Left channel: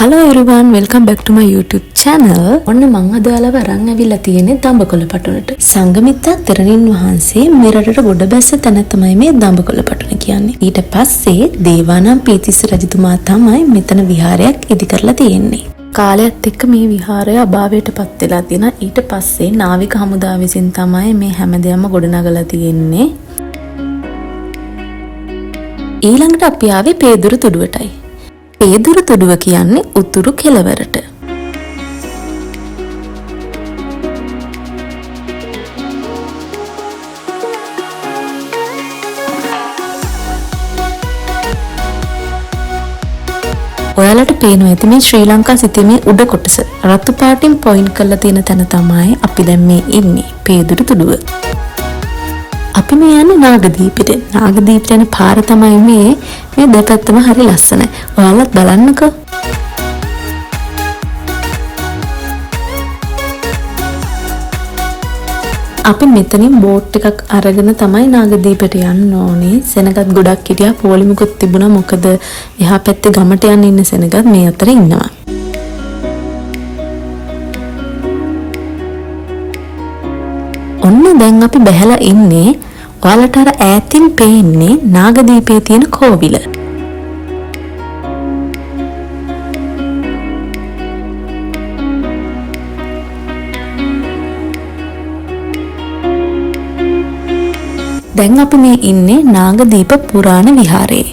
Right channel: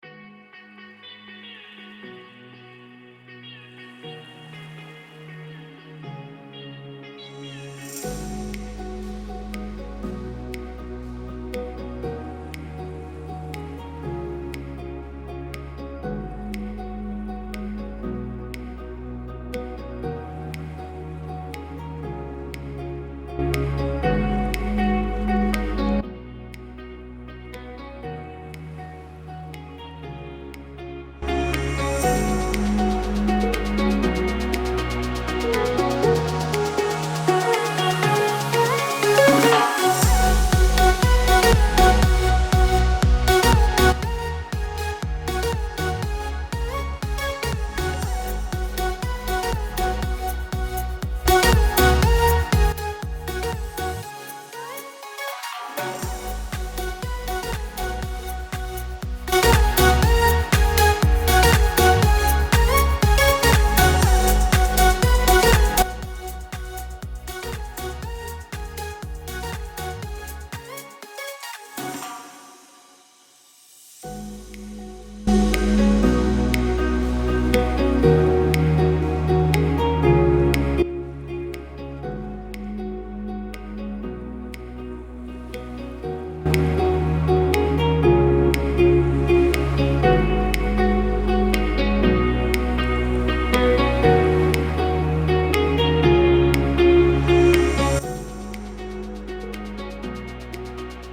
Hello everyone, welcome back to my YouTube channel. ඔන්න මං අද ඔයාලව අරන් ඇවිල්ලා තියෙන්නේ දඹකොළ පටුනට. සංඝමිත්තා තෙරණින් වහන්සේ මේ රටට ගොඩ බැස්ස තැන තමයි මේ දඹකොළ පටුන කියන්නේ. ඊට පස්සේ දේවානම්පියතිස්ස රජතුමා තමයි මෙතන විහාරයක් ඉදි කරලා තියෙන්නේ. කාලයත් එක්ක මේ විහාරය අභාවයට පත් වෙලා තියෙනවා. ඊට පස්සේ නාවික හමුදාව විසින් තමයි මේ හැමදේම ගොඩනගලා තියෙන්නේ. ඊළඟට අපි ආවේ පේදුරු තුඩුවටයි. පේදුරු තුඩුව කියන්නේ උතුරු කෙළවරට. ඔයාලට පේනවා ඇති මේ ශ්‍රී ලංකා සිතීමේ උඩ කොටස රතු පාටින් පොයින්ට් කරලා තියෙන තැන තමයි අපි දැන් මේ ඉන්නේ පේදුරු තුඩුව. අපි මේ යන්නේ නාගදීපෙට. නාගදීපට යන පාර තමයි මේ දෙපැත්තම හරි ලස්සනයි. ඔයාලත් බලන්නකෝ. අපි මෙතනින් බෝට් එකක් අරගෙන තමයි නාගදීපට යන්න ඕනේ. සෙනගත් ගොඩක් හිටියා. පොලිමුකුත් තිබුණා. මොකද එහා පැත්තේ ගමට යන්න ඉන්න සෙනගත් මේ අතර ඉන්නවා. ඔන්න දැන් අපි බැහැලා ඉන්නේ. ඔයාලට අර ඈතින් පේන්නේ නාගදීපයේ තියෙන කෝවිල. දැන් අපි මේ ඉන්නේ නාගදීප පුරාණ විහාරයේ.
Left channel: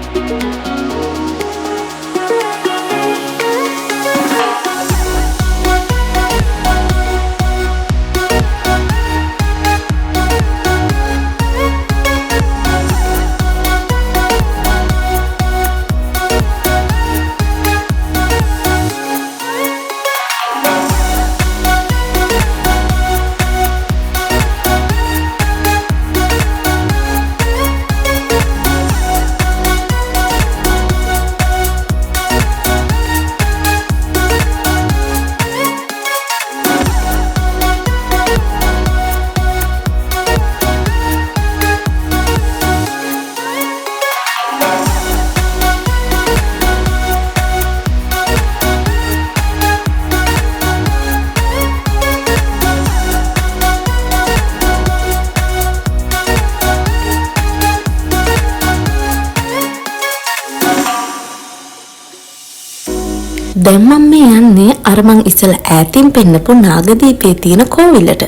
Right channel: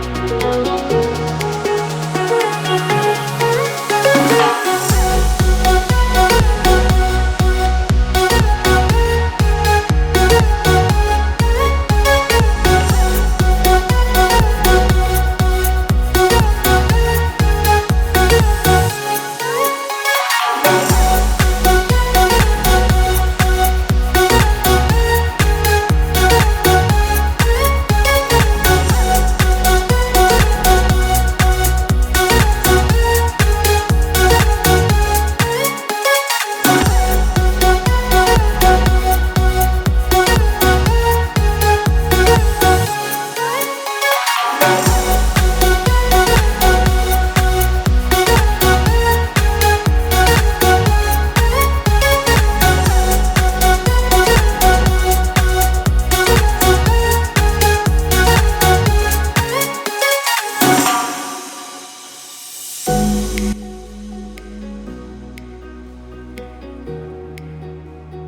දැන් මම මේ යන්නේ අර මං ඉස්සලා ඈතින් පෙන්නපු නාගදීපයේ තියෙන කෝවිලට.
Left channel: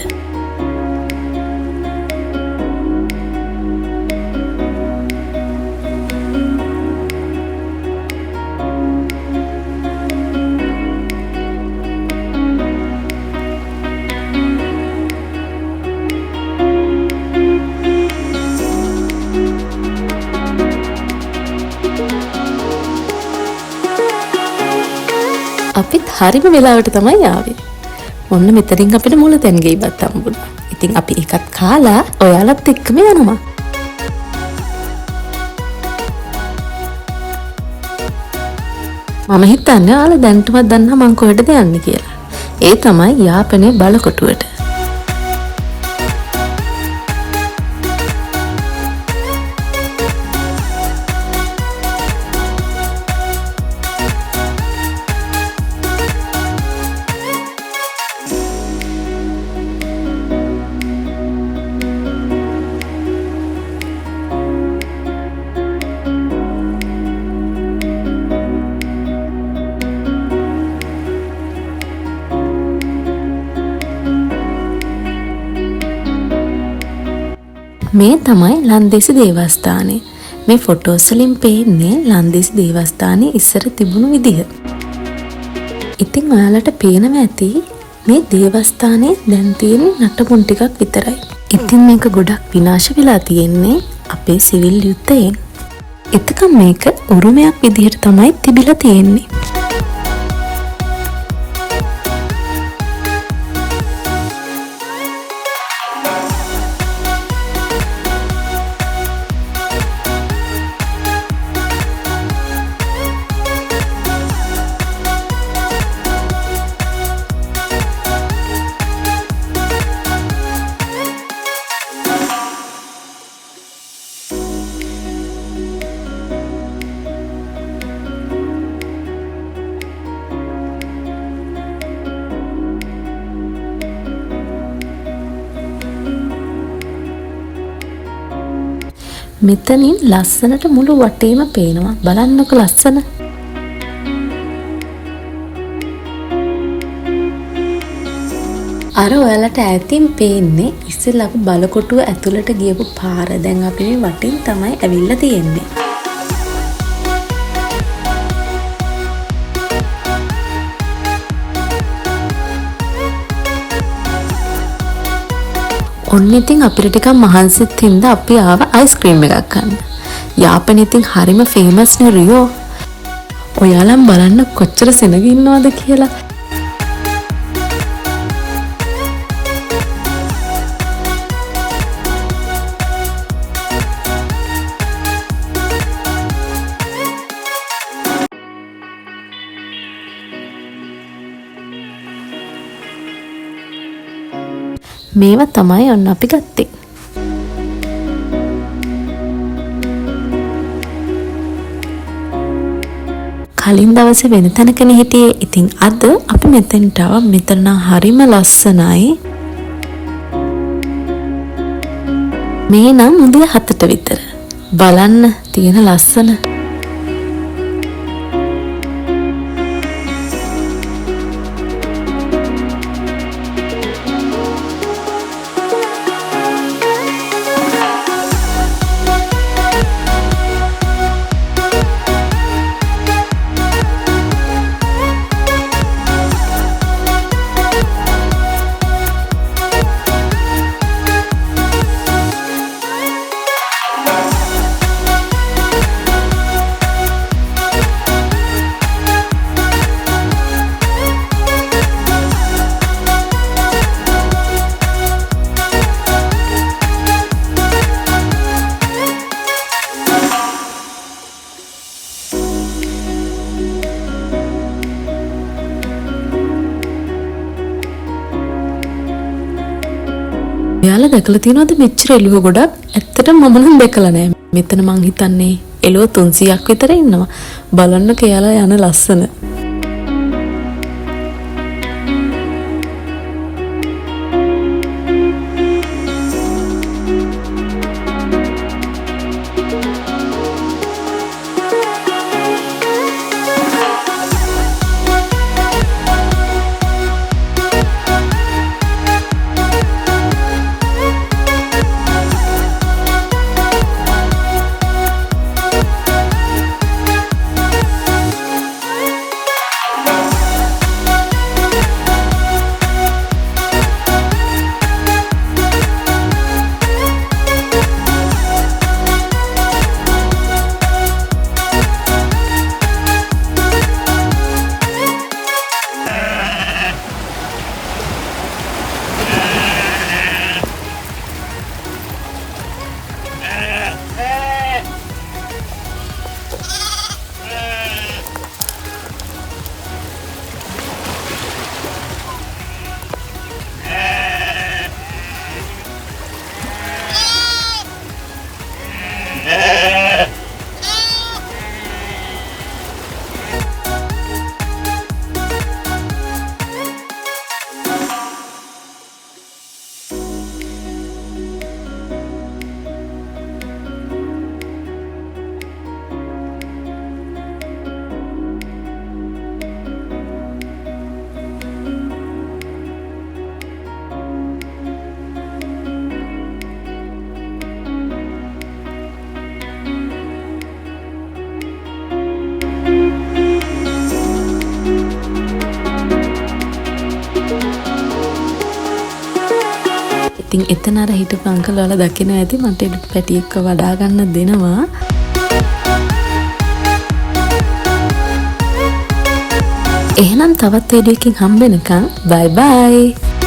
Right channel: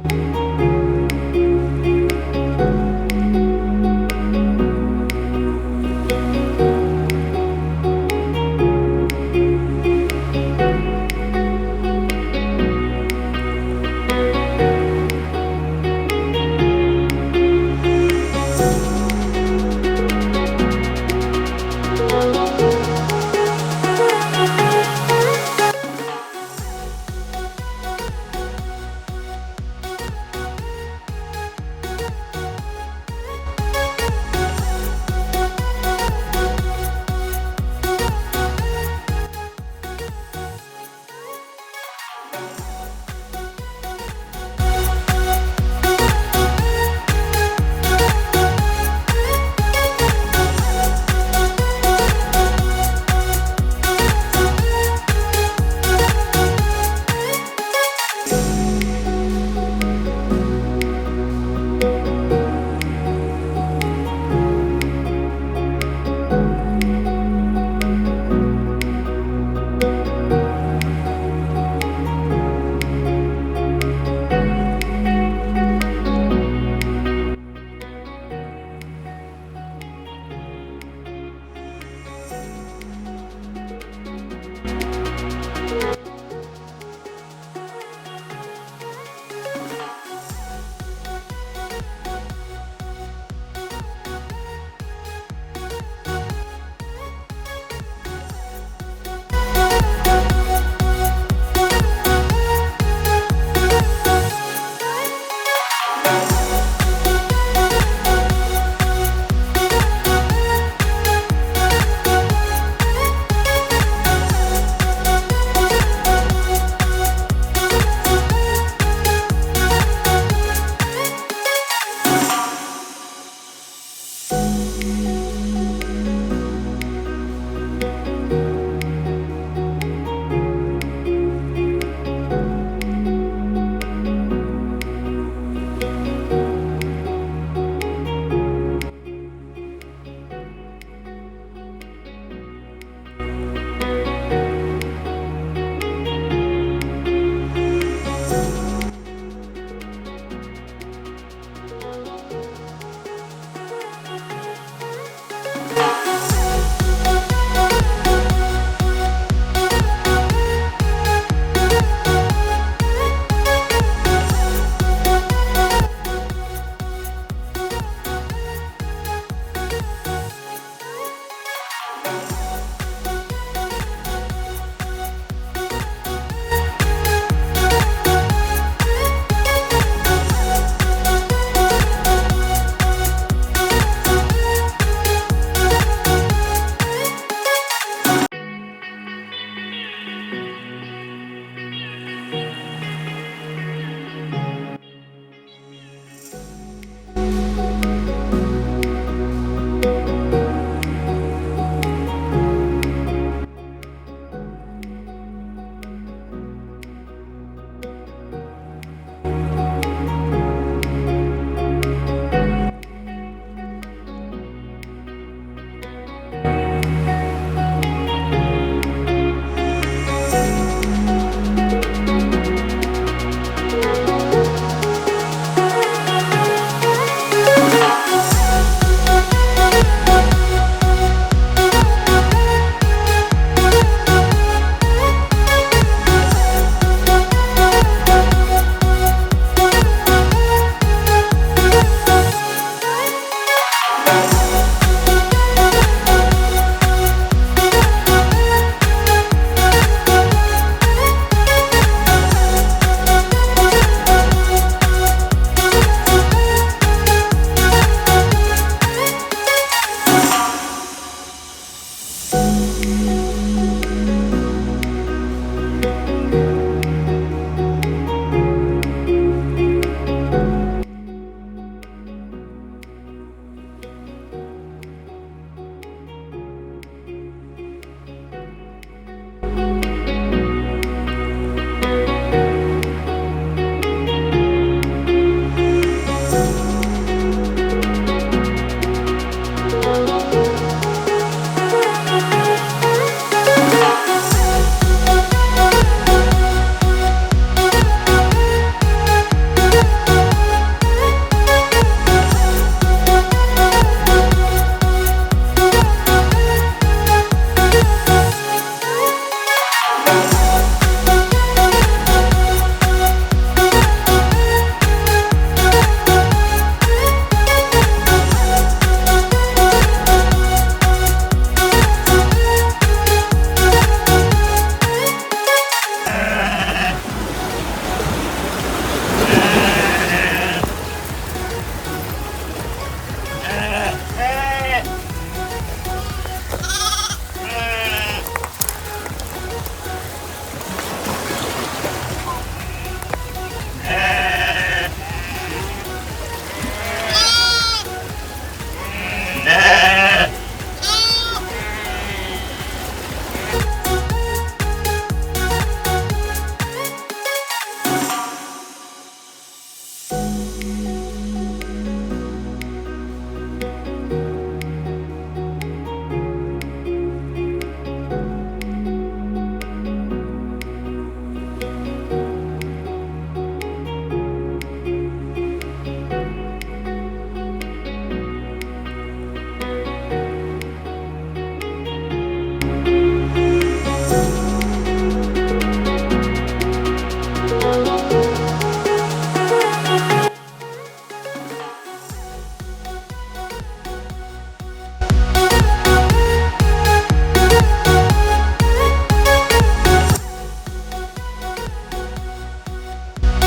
අපිත් හරිම වෙලාවට තමයි ආවේ. ඔන්න මෙතනින් අපිට මුල තැන් ගෙයිපත් හම්බුණා. ඉතින් අපි එකත් කාලා ඔයාලත් එක්කම යනවා. මම හිතන්නේ ඔයාලා දැන්ටමත් දන්නා මං කොහෙටද යන්නේ කියලා. ඒ තමයි යාපනයේ බලකොටුවට. මේ තමයි ලන්දේසි දේවස්ථානය. මේ ෆොටෝස් වලින් පේන්නේ ලන්දේසි දේවස්ථානයේ ඉස්සර තිබුණු විදිහ. ඉතින් ඔයාලට පේනවා ඇති මේ දේවස්ථානයේ දැන් තියෙන නටබුන් ටිකක් විතරයි. ඉතින් මේක ගොඩක් විනාශ වෙලා තියෙන්නේ අපේ සිවිල් යුද්ධයෙන්. එතකම් මේක උරුමයක් විදිහට තමයි තිබිලා තියෙන්නේ. මෙතනින් ලස්සනට මුළු වටේම පේනවා. බලන්නකො ලස්සන. අර ඔයාලට ඈතින් පේන්නේ ඉස්සෙල්ලා අපි බලකොටුව ඇතුළට ගියපු පාර. දැන් අපි මේ වටින් තමයි ඇවිල්ලා තියෙන්නේ. ඔන්න ඉතින් අපිට ටිකක් මහන්සිත් හින්දා අපි ආව අයිස්ක්‍රීම් එකක් ගන්න. යාපනයේ ඉතින් හරිම ෆේමස් නේ රියෝ. ඔයාලම් බලන්න කොච්චර සෙනග ඉන්නවද කියලා. මේවා තමයි ඔන්න අපි ගත්තේ. කලින් දවසේ වෙන තැනකනේ හිටියේ. ඉතින් අද අපි මෙතෙන්ට ආවා. මෙතන හරිම ලස්සනයි. මේ නම් උදේ 7ට විතර. බලන්න තියෙන ලස්සන. ඔයාලා දැකලා තියෙනවද මෙච්චර එළුව ගොඩක්? ඇත්තටම මම නම් දැකලා නෑ. මෙතන මං හිතන්නේ එළුව 300ක් විතර ඉන්නවා. බලන්න කියලා යන ලස්සන. ඉතින් එතන අර හිටපු අංකල් වල දකින්න ඇති මට පැටි එක්ක වඩා ගන්න දෙනවා. එහෙනම් තවත් වීඩියෝ එකකින් හම්බ වෙනකන් බයි බයි.